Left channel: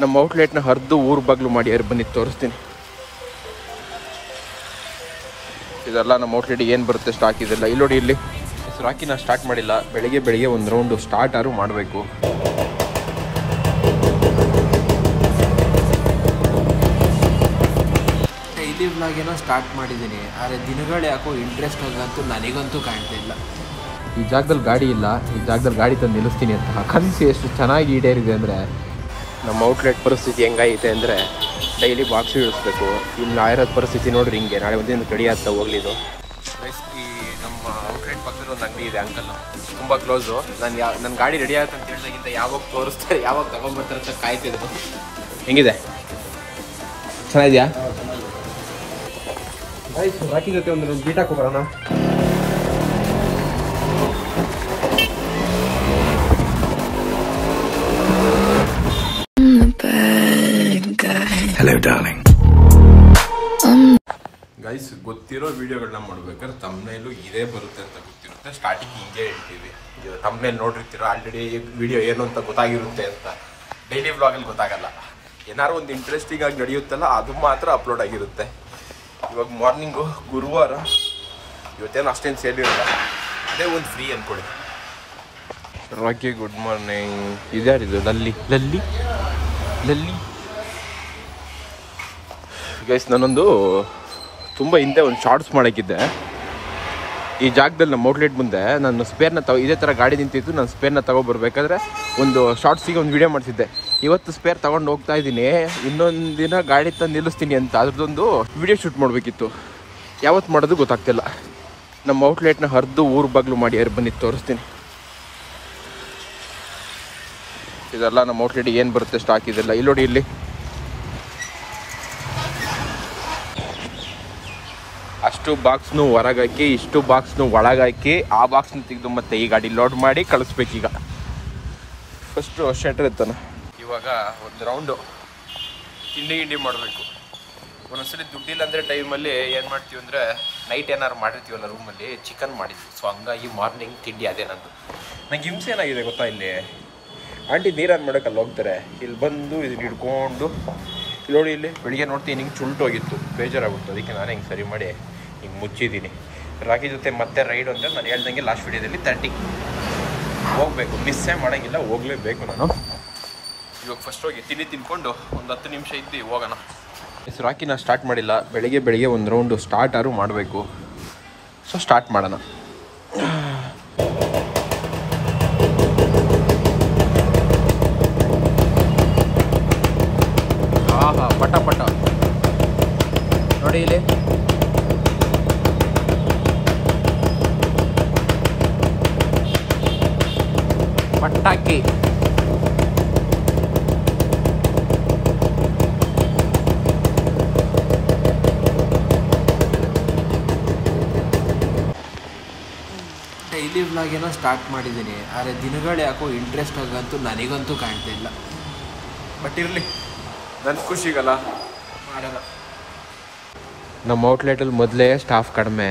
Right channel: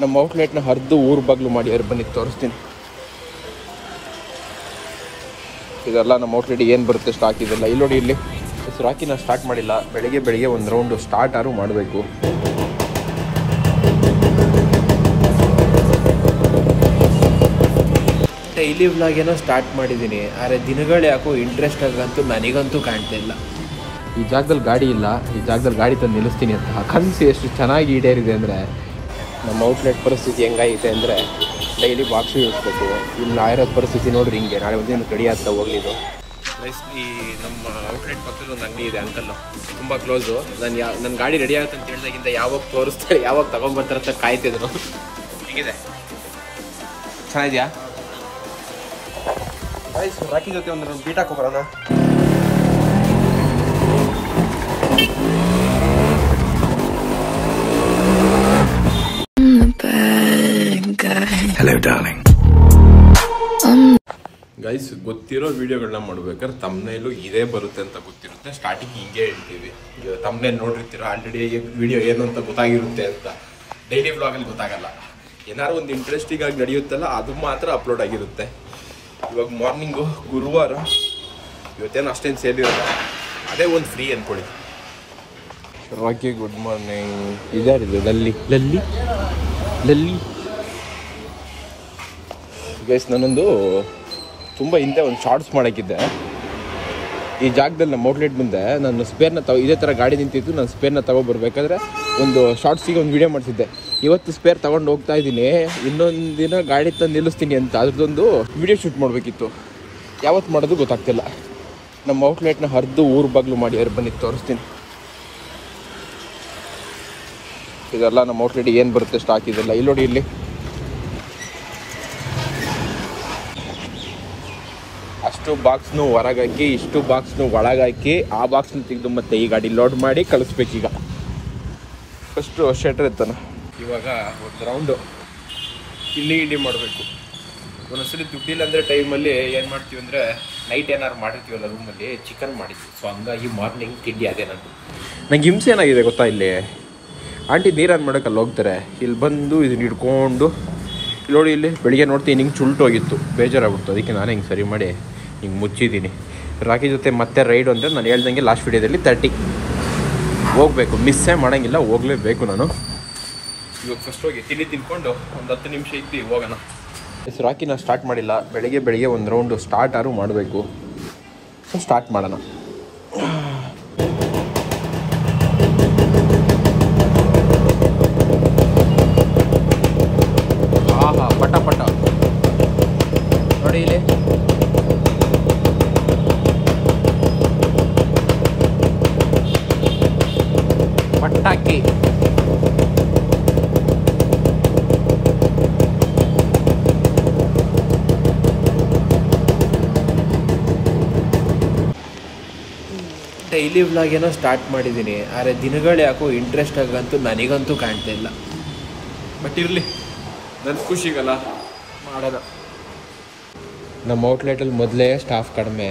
ನಮ್ಮ ಔಟ್ಲೆಟ್ನ ಹರಿದು ಊರು ಬಾಗ್ಲು ಮಾಡಿ ಬಂದು ತೋರಿಸ್ತೀನಿ. ಇದೆಲ್ಲ ನಮ್ಮ ಔಟ್ಲೆಟ್ ಏನು ಬರುತ್ತೆ ಸ್ಟಾಕ್ ಇದೆಲ್ಲ ಇಲ್ಲಿ ನೋಡಿ. ಇಲ್ಲಿ ಹೆಸರು ಹಾಕಿ ನಾನು ಸ್ಟಾರ್ಟ್ ಮಾಡಿಲ್ಲ. ಬೆಳಿಗ್ಗೆ ಒಂದು ರೌಂಡು ಸ್ಟಾರ್ಟ್ ಆದ್ರೂ ಮಾಡಬೇಕು. ಡೈಲಿ ವ್ಲಾಗ್ ಏನೋ ಸ್ಟಾರ್ಟ್ ಮಾಡಿದ್ದೀನಿ, ಆದರೆ ದಿನಗಳು ಯಾಕೋ ಇಂಟ್ರೆಸ್ಟ್ ಆಗಂತೂ ನನಗಂತೂ ಕಾಣ್ತಾ ಇಲ್ಲ. ಈ ಜಾಗದಲ್ಲಿ ಗಾಡಿ ಇಲ್ಲ, ಈ ಜಾಗದಲ್ಲಿ ಗಾಡಿ ತಂದು ನಿಲ್ಲಿಸ್ತೀನಿ ಅಂತ ಕನಸು ಎಷ್ಟು ಚೆನ್ನಾಗಿ ಈಡೇರಿದೆ ಅಂದರೆ, ನಮ್ಮ ಔಟ್ಲೆಟ್ ಪರಿಸ್ಥಿತಿ ಹೆಂಗಾಗಿದೆ ಅಂದರೆ ಡೈಲಿ ಬಾಕ್ಸ್ ಇಳಿಸ್ಬೇಕು. ಇಲ್ಲಿ ಆಗಿರೋದು ಪರಿಸ್ಥಿತಿ ನೋಡ್ರಿ ಹಿಂಗೆ. ನಾಳೆ ಒಂದಿನ ಕಡಿ ಆಗ್ತಾ ಹೋಗ್ಲಿದ್ದು. ಈ ನಮ್ಮ ಔಟ್ಲೆಟ್ ಪಕ್ಕದ ಒಂದು ಅಂಗಡಿ ಇದೆ ಅಂಕಲ್, ತುಂಬ ಕ್ಲೋಸು. ನನ್ನ ಗಾಡಿ ರೆಡಿ ಆಗುತ್ತೆ ಅಂತ ಹೇಳಿದಾಗಿಂದ ಯಾವಾಗ ತೋರಿಸ್ತಾರೆ, ಯಾವಾಗ ತಗೊಂಡ್ಬರ್ತಾರೆ ಅಂತ ಕಾಯ್ತಿದ್ರು. ಹೆಂಗಿದೆ, ಚೆನ್ನಾಗಿದೆಯಾ? ರಾಕಿ ಜೊತೆ ಒಂದು ಬೀಟ್ ಹಾಕೋಬರೋಣ. Hello darling. ಗೈಸ್, ಗೊತ್ತಿರೋ ವಿಡಿಯೋಗಳನ್ನ ಮಾಡ್ಬೇಕಾದ್ರೆ ತಮ್ನೇಲು ಇದೇ ಬರುತ್ತೆ ಅಂತ ಗೊತ್ತಿರುತ್ತೆ. ಸ್ಟಾರ್ಟಿಂಗ್ ಹಿಂಗೆ ಹೇಳ್ತೀವಿ. ಈಗ ತಮ್ನೇಲ್ ನೋಡಿರ್ತೀರ ಆಲ್ರೆಡಿ ವಿಡಿಯೋ ಏನು ಅಂತ ಗೊತ್ತಾಗಿರುತ್ತೆ ಅಂತ. ಡೈಲಿ ವ್ಲಾಗಲ್ಲಿ ಗೊತ್ತಾಗಲ್ಲ. ಏನಾರು ಒಂದು ಇಂಟ್ರೆಸ್ಟಿಂಗ್ ಆಗಿ ನಡೆಯುತ್ತಲ್ಲ ಅದು ಮಾತ್ರ ಅಪ್ಲೋಡ್ ಆಗಿರುತ್ತೆ. ಇವಾಗ ಮಾರ್ನಿಂಗು ಗುರುವಾರ, ಇವತ್ತೇನು ಅಷ್ಟೇನು ಸೇಲ್ ಇರಲ್ಲ, ಅದೇ ಒಂದು ಫ್ರೀ ಅಂದ್ಕೊಳ್ಳಿ. Rocky good morning. ಇದ್ಯಾರಿದು? ಲಲ್ಲಿ ಗೈಸ್, ನಾನೊಂದು ತುಂಬ ಹಿಂದೆ ಒಂದು ಶಾರ್ಟ್ಸ್ ಮಾಡೋಕ್ಕಿದ್ದೆ. ಈ ಜಾಗದಲ್ಲಿ ನಮ್ಮ ಔಟ್ಲೆಟ್ ಮುಂದೆ ನಾನು ಸ್ಪೇರ್ನ ಇದೇ ಥರ ಗಾಡಿ ನಿಂತಿದ್ದು. ನಾನು ಸ್ಪೇರ್ನ ತೊಗೊಬರ್ಬೇಕಾದ್ರೆ ಒಂದು ಶಾರ್ಟ್ಸಿಗೆ ಒಂದು ವಿಡಿಯೋ ಮಾಡಿಸಿದ್ದೆ. ಇವತ್ತು ಸ್ಪೇರ್ ತೊಗೊಂಡು ಹೋಗ್ತಾ ಇದ್ದೀನಿ, ಇನ್ನೊಂದು ದಿನ ಗಾಡಿ ತಂದು ನಿಲ್ಲಿಸ್ತೀನಿ ಅಂತ. ಅದ್ರದ್ದೊಂದು ವಿಡಿಯೋ ಶೂಟ್ ಮಾಡಬೇಕಿತ್ತು. ಯಾವತ್ತು ಮಾಡೋದು ಗೊತ್ತಾಗ್ತಿಲ್ಲ. ನಮ್ಮ ಔಟ್ಲೆಟ್ನ ಹರಿದು ಊರು ಬಾಗ್ಲು ಮಾಡಿ ಬಂದು ತೋರಿಸ್ತೀನಿ. ಇದೆಲ್ಲ ನಮ್ಮ ಔಟ್ಲೆಟ್ಗೆ ಏನು ಬರುತ್ತೆ ಸ್ಟಾಕ್ ಇದೆಲ್ಲ ಇಲ್ಲಿ ನೋಡಿ. ಇಲ್ಲಿ ಅಷ್ಟು ಬಾಕ್ಸ್ನು ಹೊರಗಾಕಿ, ಇಷ್ಟು ಬಾಕ್ಸ್ನು ಒಳಗಾಕಿ, ಆ ಬಾಕ್ಸ್ನ ತೆಗೆದು ಮತ್ತೆ ಈ ಗಾಡಿ ಲೋಡ್ ಮಾಡಿ ಕಳಿಸ್ಬೇಕೀಗ. ಫಸ್ಟು ಶೆಟ್ರ್ ಇರ್ತಾನೆ. ಇವಾಗ ಒಂದು ರೌಂಡು ಇಲ್ಲಿ ಮಾಡಬೇಕು. ಒಂದೊಂದ್ಸಲಿ ದುಡ್ಡಿಲ್ಲ ಅಂದರೆ ಟೈಮಲ್ಲಿ ಏನು ಮಾಡ್ತೀವಿ ಅಂದರೆ, ನೈಟ್ ಏನಾರು ಮಾಡಿರ್ತೀವಲ್ಲ ರೂಮಲ್ಲಿ, ಚಿಕನ್ ಮಾಡಿದ್ವಿ. ಸೊ ಹಂಗಾಗಿ ಮಾರ್ನಿಂಗ್ ತಿಂಡಿ ಅದೇ ನಂದು. ನಂಗೆ ಹಿಂಸೆ ಏನಾಗಿದೆ ಗೊತ್ತಾ, ಇಲ್ಲಿ ಆಂಟಿ ನೀರನ್ನು ಮಾಡೋಕ್ಕಲ್ಲಿ ಹೋಗ್ತಾರೆ, ಇಲ್ಲಿ ಬಂದು ಇದನ್ನ ಹಿಡ್ಕೊಂಡು ನೋಡಿ. ಇಲ್ಲಿ ಬೆಳಿಗ್ಗೆ ನೋಡ್ತೀನಿ ಹಿಂಗೆ ಚುಲ್ಟೋಗಿತ್ತು, ಬೇಜಾರಾಗ್ಬಿಡ್ತು. ಅದಕ್ಕೆ ನಾನು ಹಿಂಗೆ ಸರಿ ಮಾಡಿ ಹಿಂಗೆ ಮುಚ್ಚಿದ್ದೀನಿ. ರಾಕಿ ಜೊತೆ ಮತ್ತೆ ರೈಡ್ ಅಂದರೆ ನಾನು ಹೇಳ್ದಂಗೆ ಲಾಸ್ಟ್ ವೀಡಿಯೋದಲ್ಲಿ 30 ಹೋಗಬೇಕು. ಮಿಸ್ಸೇ ಮಾಡೋಂಗಿಲ್ಲ, ಹೋಗಲೇಬೇಕು ನಾನು. ಇವಾಗ ಫಸ್ಟ್ ಹೋಗಿ ತಿಂಡಿ ತಿನ್ಕೊಂಡು ಒಂದು 10 ನಿಮಿಷ ಇದ್ದು ಹೋಗೋಣ. ಹೆಸರು ರಾಕಿ ನಾನು ಸ್ಟಾರ್ಟ್ ಮಾಡಿಲ್ಲ. ಬೆಳಿಗ್ಗೆ ಒಂದು ರೌಂಡು ಸ್ಟಾರ್ಟ್ ಆದ್ರೂ ಮಾಡಬೇಕು. ಸೊ ಸ್ಟಾರ್ಟ್ ಮಾಡೋಣ. ಪಟ ನೋಡಿ ಇಲ್ಲಿ ಪಟಾಕಿ. ಡೈಲಿ ವ್ಲಾಗ್ ಏನೋ ಸ್ಟಾರ್ಟ್ ಮಾಡಿದ್ದೀನಿ, ಆದರೆ ದಿನಗಳು ಯಾಕೋ ಇಂಟ್ರೆಸ್ಟ್ ಆಗಂತೂ ನನಗಂತೂ ಕಾಣ್ತಾ ಇಲ್ಲ. ಬಟ್ ಇರಲಿ, ನನ್ನ ಖುಷಿಗಲ್ಲ ಮಾಡೋಣ. ನಮ್ಮ ಔಟ್ಲೆಟಲ್ಲಿ ಮೊದಲೇ ಸ್ಟಾಫ್ ಕಡಿಮೆ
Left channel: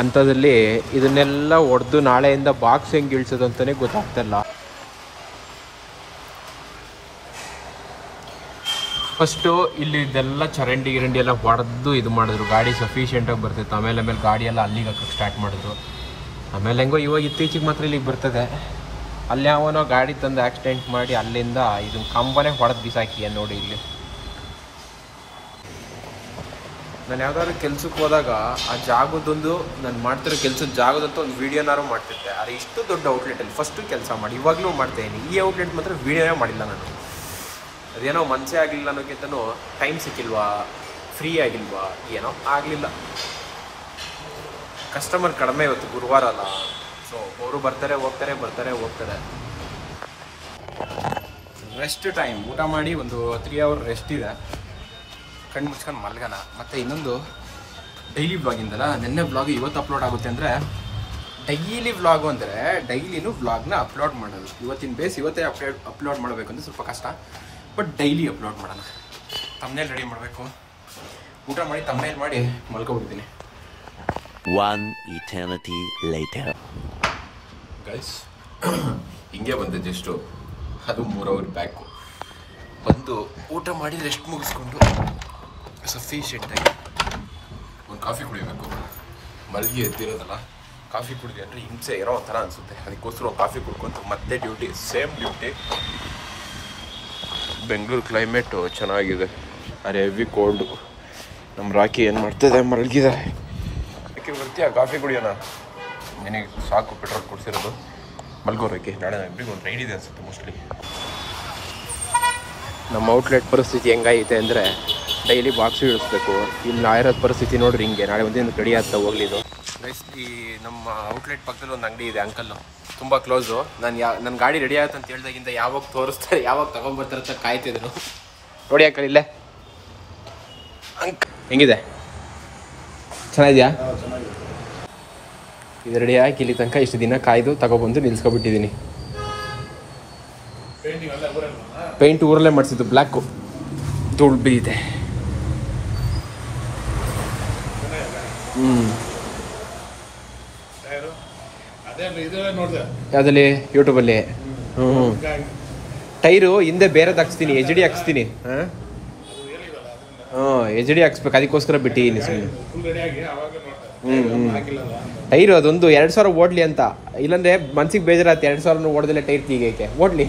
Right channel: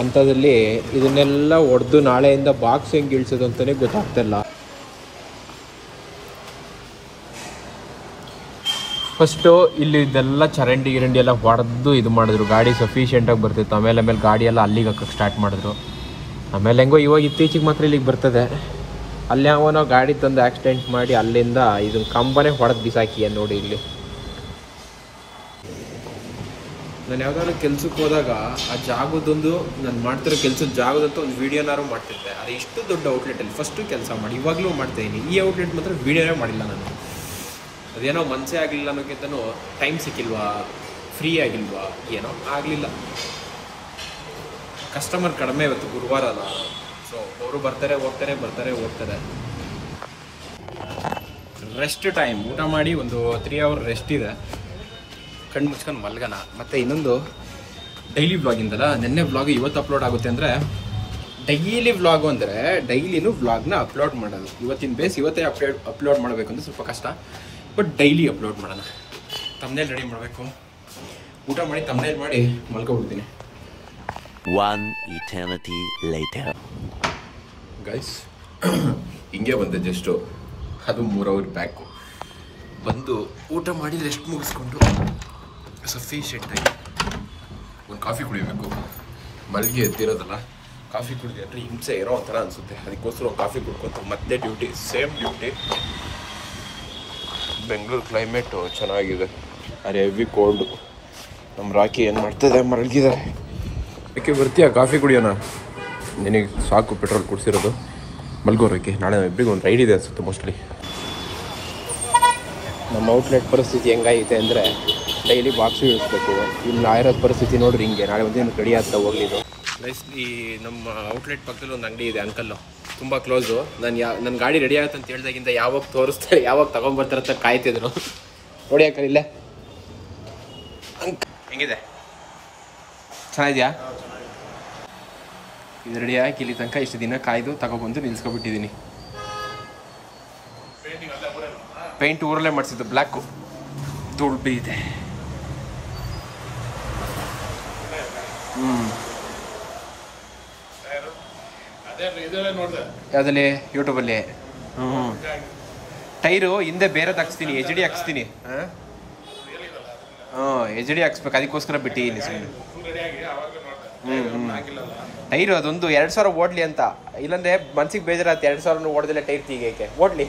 ಅಂಥದ್ರಲ್ಲಿ ಇದನ್ನೆಲ್ಲ ಹೊಡೆದು ನಾಳೆಯಿಂದ ಬಾಕ್ಸ್ ಹೆಂಗೆ ಇಳಿಸೋದು ಅಂತಲೇ ಗೊತ್ತಾಗ್ತಿಲ್ಲ. ಫಸ್ಟು ಇಲ್ಲಿ ಇದೆಲ್ಲ ಚರಂಡಿ ಎಲ್ಲ ಹೊಡೆದು ಇದು ಮಾಡಿದ್ರು. ಗಾಡಿ ಸಫಿಷಿಯೆಂಟಾಗಿ ಬರ್ತಿತ್ತು. ಆಮೇಲೆ ಗಾಡಿ ಎಲ್ಲ ಅಲ್ಲಿಗೆ ಹಾಕಕ್ಕೆ ಸ್ಟಾರ್ಟ್ ಮಾಡಿದ್ರು. ಆಮೇಲೆ ಹೆಂಗೋ ಇವಾಗ ಇತ್ತೀಚೆಗೆ ಮಾತ್ರ ಇಲ್ಲಿಗೆ ಬರ್ತದೆ. ಅಲ್ಲಿ ಯಾವನೋ ಗಾಡಿ ತಂದು ಆಕ್ಸಿಡೆಂಟ್ ಮಾಡಿ ಅಲ್ಲಿಂದ ಇದನ್ನ ಕಂಬನೇ ಹೊಡೆದು ಬಿಸಾಕಿ ನೋಡಿ. ಇಲ್ಲಿ ನಾನು ಯಾವ್ದಾದ್ರು ಕೆಲ್ಸಕ್ಕೆ ಹೋದಾಗ ಆ ಜಾಗದೊಂದು ನಾನು ಮಾಡ್ತಿರೋ ಕೆಲ್ಸದ ಜಾಗದಂತ ಒಂದು ವೀಡಿಯೋನಾರು ಮಾಡ್ತಿದ್ದೆ. ಆದರೆ ಇಷ್ಟು ದೊಡ್ಡ ಔಟ್ಲೆಟಲ್ಲಿ ಫಸ್ಟು ಕೆಲಸ ಮಾಡಿ ಇವಾಗಲೂ ಮಾಡ್ತಾಯಿದ್ದೀನಿ. ಈ ಔಟ್ಲೆಟ್ ಮಾತ್ರ ವೀಡಿಯೋನೇ ಮಾಡಿಲ್ಲ ನಾನು. ಅದೇನೋ ಮನಸ್ಸೇ ಆಗಲಿಲ್ಲ ಅನ್ನೋಕ್ಕಿಂತನೂ ಟೈಮ್ ಸಿಕ್ಕಿಲ್ವಾ, ಫ್ರೀ ಆಗಿಲ್ವಾ, ಏನೋ ಆಗಲಿಲ್ಲ. ಕಸ್ಟಮರ್ ಕಡಿಮೆ ಇವತ್ತು, ಗುರುವಾರ ಅಲ್ಲ. ಸೊ ಅವರು ಬರ್ತಾರೆ ಹೋಗ್ತಾರೆ. ರೆಸ್ಟ್ ಟೈಮ್, ಊಟ ಮಾಡಿ ಒಂದು 3 hour ರೆಸ್ಟ್ ಇದೆ. ಕಣ್ಣು ಮುಚ್ಕೊಂಡು ಮಲ್ಗನ. ಮತ್ತು ಇನ್ನೊಂದು ಡೈಲಿ ವ್ಲಾಗಿಂದಲ್ಲ, ನೆನ್ನೆ ವ್ಲಾಗ್ ಇವತ್ತು ಅಪ್ಲೋಡ್ ಆಗುತ್ತೆ ಅಂದರೆ, ಡೈಲಿ ವ್ಲಾಗು ಅಂದರೆ ಡೈಲಿನೂ ವ್ಲಾಗ್ನ ಅಪ್ಲೋಡ್ ಮಾಡೋದು. ಇವತ್ತಿನ ಬೇಸ್ ಇವತ್ತೇ ಅಪ್ಲೋಡ್ ಮಾಡಬೇಕು ಅಂದರೆ ಸ್ವಲ್ಪ ಕಷ್ಟ. ಬಟ್ ಡೈಲಿ ಅಪ್ಲೋಡ್ ಮಾಡೋಣ. ತಮ್ನೇಲ್ ರೆಡಿ ಮಾಡಬೇಕು, ಊಟ ಮಾಡಿ ತಮ್ನೇಲ್ ಮಾಡಿ ಮಲ್ಕೊಬಿಡ್ತೀನಿ. One eternity later. ಗೈಸ್, ಹಿಂಗೆ ಬಂದೆ ಜಸ್ಟು, ಅದು 3 hour ಬ್ಯಾಕು. ಬಂದು ಊಟ ಮಾಡಿ ರೆಸ್ಟ್ ಮುಗಿಸ್ಕೊಂಡು ಸಫಿಷಿಯೆಂಟಾಗಿ ಒಂದು ಕಾಫಿ ಕುಡಿಬೇಕು. ಮಲಗಿ ಎದ್ದಿರೋದಲ್ಲ, ಕಾಫಿ ಕುಡಿದೆ ಅಂದರೆ ಹಿಂಸೆ ಇರೋ ಒಂಥರ ಅನಿಸುತ್ತೆ. ಅದಕ್ಕೋಸ್ಕರ ಒಂದು ಕಾಫಿ ಕುಡ್ಕೊತ ಮತ್ತೆ duty, same duty. Bengaluru climate ಚೆನ್ನಾಗಿದೆ, ಅರೆ ಹೆವಿ ಕೋಲ್ಡು. ನಮ್ಮ ರಾಕಿ ಏನು ಮಾಡ್ತಿದೆ, ಮಲಗಿದ್ದಾರೆ. ಅದಕ್ಕೆ ಬರ್ತೀಯಾ ಕಾಫಿ ಕುಡಿಯೋಣ? ನಿನಗೆ ಸಾಕು ಪೆಟ್ರೋಲ್ ಕುಡಿಸಿರೋದು. ಮಲ್ಗೋರಕ್ಕೆ ನಾಳೆ ಇಬ್ಬರಿಗೆ ಒಂದು ರೈಡ್ ಇದೆ ಅನಿಸುತ್ತೆ ಮೋಸ್ಟ್ಲಿ. ನಮ್ಮ ಔಟ್ಲೆಟ್ ಪರಿಸ್ಥಿತಿ ಹೆಂಗಾಗಿದೆ ಅಂದರೆ ಡೈಲಿ ಬಾಕ್ಸ್ ಇಳಿಸ್ಬೇಕು. ಇಲ್ಲಿ ಇರೋದು ಪರಿಸ್ಥಿತಿ ನೋಡ್ರಿ ಹಿಂಗೆ. ನಾಳೆ ಒಂದಿನ ರೆಡಿ ಆಗ್ತಾ ಹೋಗ್ಲಿದ್ದು. ಈ ನಮ್ಮ ಔಟ್ಲೆಟ್ ಪಕ್ಕದಲ್ಲಿ ಒಂದು ಅಂಗಡಿ ಇದೆ, ಅಂಕಲ್ಲು ತುಂಬ ಕ್ಲೋಸು. ನನ್ನ ಗಾಡಿ ರೆಡಿ ಆಗುತ್ತೆ ಅಂತ ಹೇಳ್ದಾಗಿಂದ ಯಾವಾಗ ತೋರಿಸ್ತಾರೆ, ಯಾವಾಗ ತಗೊಂಡ್ಬರ್ತಾರೆ ಅಂತ ಕಾಯ್ತಿದ್ರು. ನೋಡಿ ಅಂಕಲ್ ಇಲ್ಲೇ ಹೆಂಗಿದೆ, ಚೆನ್ನಾಗಿದೆಯಾ? ಇದು ರೆಡಿ ಆಗಿ ಇಲ್ಲಿ ತನಕ ಇಷ್ಟು ದಿನ ಕಾಯ್ದು ತಗೊಬಂದು ನಿಲ್ಸ್ಕೊಬಿಟ್ಟಿದ್ದೀನಿ. ಪೇಂಟ್ ಊರಲ್ಲೇ ಮಾಡಿಸಿದ್ದು, ಬ್ಲ್ಯಾಕು ಧೂಳು ಬಿದ್ದಿದೆ. ಯಾವುದಲ್ಲಿ? ಯೂಟ್ಯೂಬಲ್ಲಿ. ಟೈರು ಹಿಂದೆ ಬೇರೆದು ಹಾಕ್ಸ್ತೀನಿ, ಎಚ್ ಡಿ ಹಾಕ್ಸ್ತೀನಿ. ಎಚ್ ಡಿ ಹಾಕ್ಸ್ಬೇಕು, ಅದಕ್ಕೋಸ್ಕರ ಬಿಟ್ಟಿದ್ದೀನಿ ಸುಮ್ಮನೆ. ಟೈರು ಅದೊಂದು 2000 ಓಡ್ಲಿ ಅಂತ, ಇಲ್ಲಾಂದ್ರೆ ಮನ್ಸಿಗೆ ಬೇಜಾರತ್ತೆ. 2000 ಓಡ್ದಲ್ಲೇ ಟೈರ್ ತೀಗೈಕೆ ಓಡ್ಲಿ,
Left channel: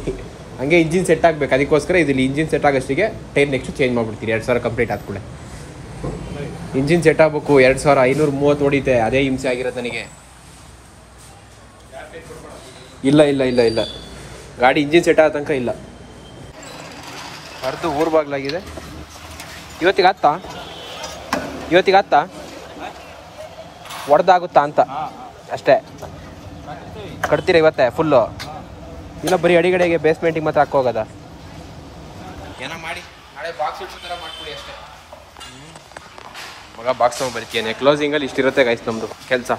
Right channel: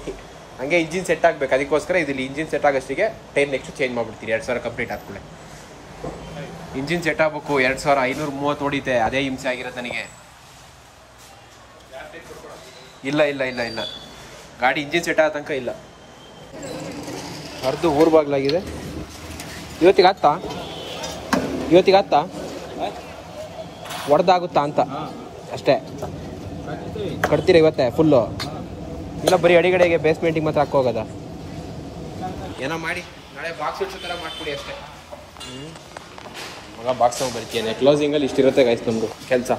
ಹಂಗೆ ಇಂಜಿನ್ ಸೆಟ್ ಆಗಬೇಕು. ಅದಕ್ಕೋಸ್ಕರ ಇದಿಲ್ಲಿ ಇಂಜಿನ್ ಸೆಟ್ ಆಗೋಷ್ಟಿಗೆ ಟೈರ್ ನೆಕ್ಸ್ಟ್ ಚೇಂಜ್ ಮಾಡ್ಬಿಡ್ತೀನಿ. 2000 ಕಂಪ್ಲೀಟ್ ಆದ್ಕೂಳೆ ಇಂಜಿನ್ ಸೆಟ್ ಆಗಬೇಕು. 2530 ಹೊಡಿತೆ, ಅದೇ ಹಿಂಸೆ ಆಗಿರೋದು ನನಗೆ. ಇಲ್ಲ ಇಲ್ಲ ಇಲ್ಲ ಇಲ್ಲ, ಗಾಡಿ ಇಂಜಿನ್ ಸೆಟ್ ಆದ ತನಕ ಇಲ್ಲ. ಅರ್ಧ ಊರು ಬಾಗ್ಲಾಗಿದೆ. ಇವತ್ತಿಗೆ ಆತ್ತಾ ಹೊಡೆದಾಗುತ್ತಾ ಅಂತ ಅಷ್ಟೇ. ಕಟ್ತೀರಾ ಇವತ್ತೇ ಫುಲ್ಲು? ಇಲ್ಲ ಬರೀ ಅಡಿಗಡೆಗೆ ಬೇಸ್ಮೆಂಟಿಗೆ ಮಾತ್ರ ಹಾಕೋಗದ? ಏನೋ ಮಾಡಿ ನಾಳೆ ಬಾಕ್ಸ್ ಇಡ್ಸೋ ಥರ ಮಾಡ್ಕೊಡಿ ಅಷ್ಟೇ. ಮಗ ಬಾಕ್ಸ್ ತಗೊಂಡು ಬರ್ತೀನಿ. ಕ್ಲೋಸಿಂಗಲ್ಲಿ ಇಷ್ಟಿರುತ್ತೆ ಗೈಸ್ ನಮ್ಮದು ಕೆಲಸ.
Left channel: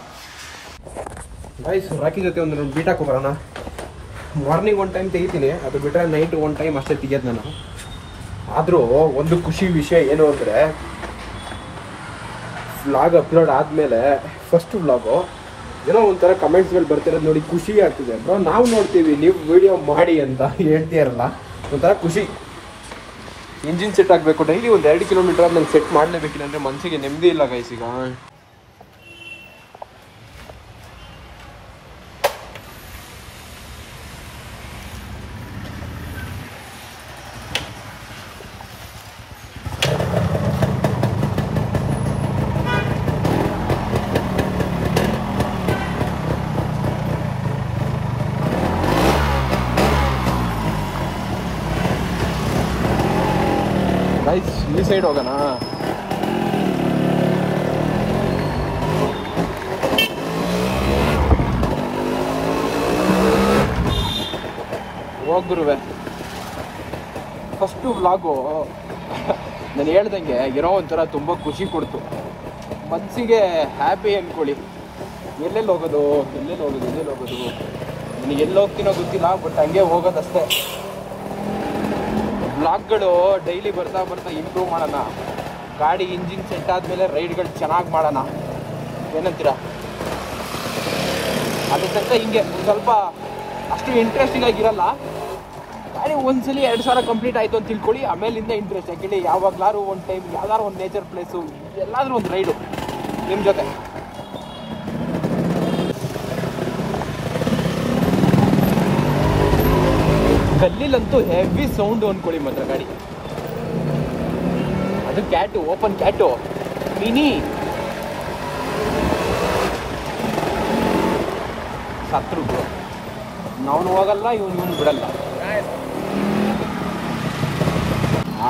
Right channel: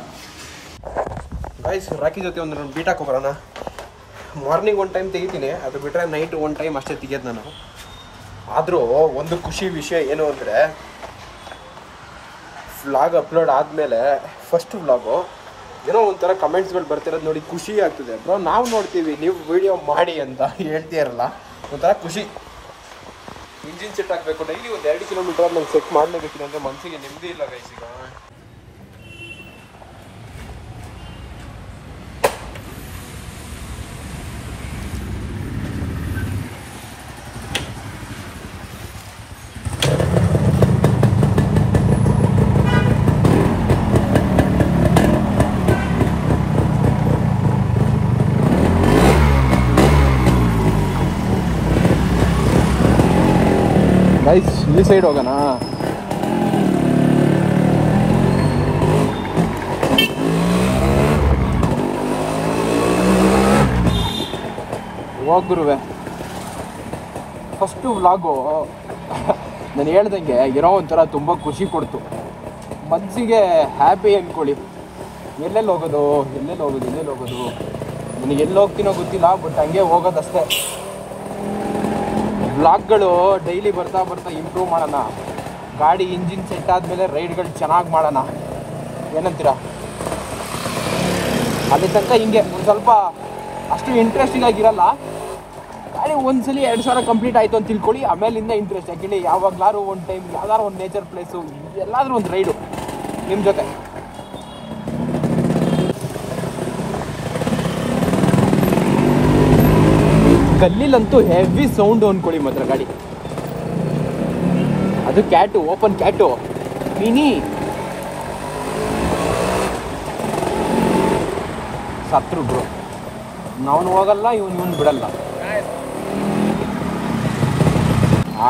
ಗೈಸ್ ರಾಕಿ ಜೊತೆ ಒಂದು ಬೀಟ್ ಹಾಕೋ ಬರೋಣ. ಮಾರ್ನಿಂಗ್ ಒಂದು ಟೈಮ್ ತೆಗಿತೀನಿ, ಅದು ಬಿಟ್ಟರೆ ನೈಟ್ ಒಂದು ಟೈಮ್ ಅಷ್ಟೇ ತೆಗಿಯೋದು ನಾನು. ಆದರೂ ಒಂದು ಖುಷಿ ವಿಷಯ ಏನು ಅಂದರೆ, ವ್ಲಾಗ್ ಅಪ್ಲೋಡ್ ಆದಮೇಲೆ ಫಸ್ಟ್ ವ್ಲಾಗು ಏನೋ ಒಂಥರ ಕಮೆಂಟ್ಸ್ ಮೇಲೆ ಬರ್ತಿರೋದು ನೋಡಿ ಖುಷಿ ಆಗ್ತದೆ. ಬ್ರೋ ನಾವು ನೋಡ್ತೀವಿ, ನೀವು ವಿಡಿಯೋ ಮಾಡಿ ಅಂತ ಹೇಳ್ತೀರಲ್ಲ, ಒಂಥರ ಖುಷಿ. ಇಂಜಿನ್ ಸೆಟ್ ಆಗಬೇಕು, ಡೈಲಿ ಒಂದು 2 ಕಿಲೋಮೀಟರ್ ನಾನು ಸೆಟ್ ಮಾಡಲೇಬೇಕಿಲ್ಲ ಅಂದರೆ ಮನಸ್ಸಿಗೆ ನೆಮ್ಮದಿ ಇಲ್ಲ ಗೈಸ್. ಈಗ ಈ ಸೈಡ್ ಹೋಗೋಣ. ಹೋಗ್ಗುರುವೆ ಫಸ್ಟು ವ್ಲಾಗು ನಾನು ಹೇಳ್ದಂಗೆ ಇರೋ ಒಂಥರ ತುಂಬ ಖುಷಿ ಕೊಡ್ತು ಮನಸ್ಸಿಗೆ. ಹ್ಯಾಪಿ ಅಂದ್ಕೊಳ್ಳಿ. ಎಲ್ಲೆಲ್ಲಿ ಹೋಗೋದು ನನಗೆ ಎಲ್ಲಿ ಹೋಗ್ತೀನೋ ಗೊತ್ತಿಲ್ಲ, ಬಟ್ ಹಂಗೆ ಹೋಗೋದಷ್ಟೇ. ವ್ಲಾಗ್ಗಳು ಡೈಲಿ ಬರ್ತಾ ಇಂಪ್ರೂವ್ ಮಾಡೋಣ. ಗಾಡಿ ಇಂಜಿನ್ ಸೆಟ್ ಆದಮೇಲೆ ರೈಡ್ಗಳು ಚೆನ್ನಾಗಿ ಮಾಡೋಣ, ಏನಂತೀರಾ? ಅಲ್ಲಿ ತನಕ ಹಿಂಗೆ ಸ್ವಲ್ಪ ಅಷ್ಟು ಇಂಟ್ರೆಸ್ಟಿಂಗ್ ಆಗಿರಲ್ಲ. ಗಾಡಿ ಒಂದ್ಸಲಿ 2000 ಕಂಪ್ಲೀಟ್ ಆಯಿತು ಅಂತ ತಿಳ್ಕೊಳ್ಳಿ, ಆಮೇಲಿಂದ ಇಂಟ್ರೆಸ್ಟ್ ಆಗಿಲ್ಲ. ಯಾವಾಗಲಾದ್ರು ಒಂದು ಟೈಮ್ ಯಾವ್ದಾದ್ರು ಒಂದು ನೇಚರ್ ಪ್ಲೇಸು, ಎಲ್ಲಾದರೂ ಒಂದು ರೈಡು ನಿಮ್ಮ ಜೊತೆ. ಗಲ್ಲಿಲಂತೂ ಹೆವಿ ಸೌಂಡು ಅಂದ್ಕೊಳ್ಳಿ ಮಾತ್ರ ಗಾಡಿ. ಅದು ಕ್ಯಾಟು, ಓಪನ್ ಕ್ಯಾಟು ಮಿನಿ. ಸತ್ರು ಬ್ರೋ, ನಾವು ಹೋಗಲ್ಲ, ಇವನು ಬಿಡಲ್ಲ.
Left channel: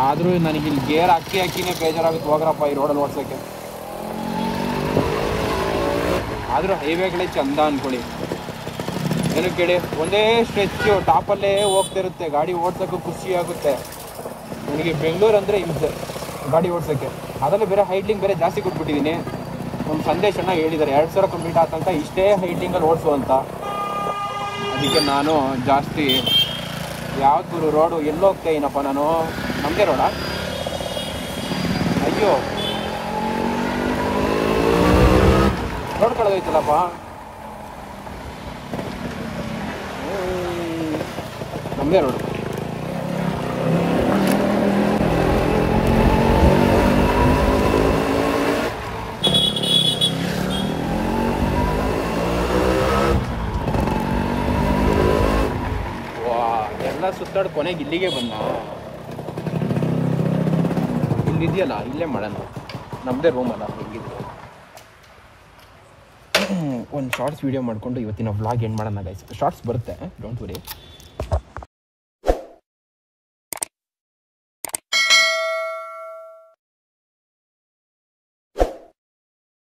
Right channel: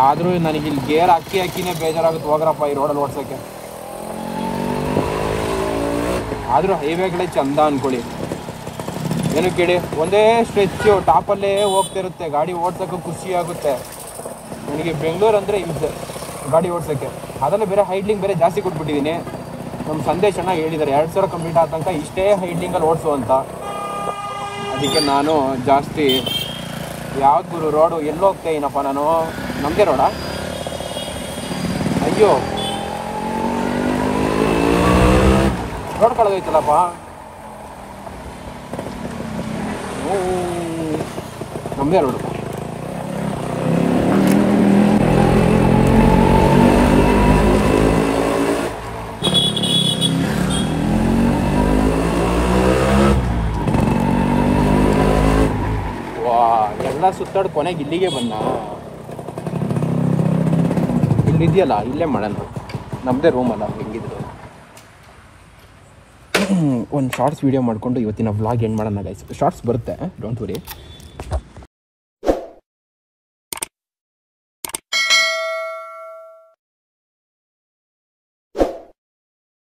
ಆದರೂ ನನಗಿಲ್ಲಿ ಗೇರ್ ಹಾಕಿನೇ ಬೇಜಾರಾಗುತ್ತೆ. ಹೋಗ್ರಪ್ಪ ಈ ರೋಡಲ್ಲಿ ಓಡ್ಸೋಕ್ಕೆ. ಆದರೂ ಹೈವೇ ಕಡೆ ಚಂದ ಅಂದ್ಕೊಳ್ಳಿ. ಏನು ಕೇಳಿ, ಒಂದೇ ಸ್ಟ್ರೆಚ್ಚು ಟಾಪಲ್ಲೇ ಹೋಗ್ತಾ ಇರುತ್ತೆ. ಗಾಡಿ ಓಡ್ಸೋಕ್ಕೆ ಖುಷಿ ಆಗುತ್ತೆ. ನನಗೆ ಬೆಂಗಳೂರು ಅಂದರೆ ಹಿಂಸೆ ಗಾಡಿ ಓಡ್ಸೋಕ್ಕೆ. ಅದನ್ನು ಬೇರೆ ಹೈಡ್ಲಿಂಗ್ ಬೇರೆ ಜಾಸ್ತಿ ಕೊಟ್ಬಿಟ್ಟಿದ್ದೀನಿ. ನಮ್ಮ ಸಂದೇಶ ಅಣ್ಣ ಹೇಳಿದ್ದಾರೆ 2000 ಕಂಪ್ಲೀಟ್ ಆದ ತನಕ ಇಷ್ಟೇ ಹೈಡ್ಲಿಂಗಲ್ಲಿ ಓಡಿಸುವಂತ. ಅದಕ್ಕೆ ನಾನು ಜಾಸ್ತಿ ಯಾವ್ದು ರೋಡು ಎಲ್ಲೋ ಹೋಗ್ತಾ ಏನಪ್ಪ ನಾನು, ನಮ್ಮದೇ ರೋಡ. ಅಯ್ಯೋ ರೋಡ್ ಕಳೆದೋಯ್ತಲ್ಲಪ್ಪ. ನಮ್ಮದೇ ರೋಡು. ಸುತ್ತಾಡಿ ಕೊನೆಗೆ ಇಲ್ಲಿಗೆ ಬಂದ. ಇಲ್ಲಿದೆಯಲ್ಲ ಇಲ್ಲೇ ಮಾಡೋಣ, ನಮ್ಮದೇ ರೂಮ್ ಅಲ್ಲ ಹೆಂಗಿದ್ರು. ಒಂದು ಶಾರ್ಟ್ಸ್ ವೀಡಿಯೋ ಮಾಡಿಕೊಂಡು ಇವತ್ತಿನ ವ್ಲಾಗ್ ಎಂಡ್ ಮಾಡೋಣ ಗೈಸ್. ಶಾರ್ಟ್ಸ್ ಬರುತ್ತೆ, ಡೋಂಟ್ ವರಿ.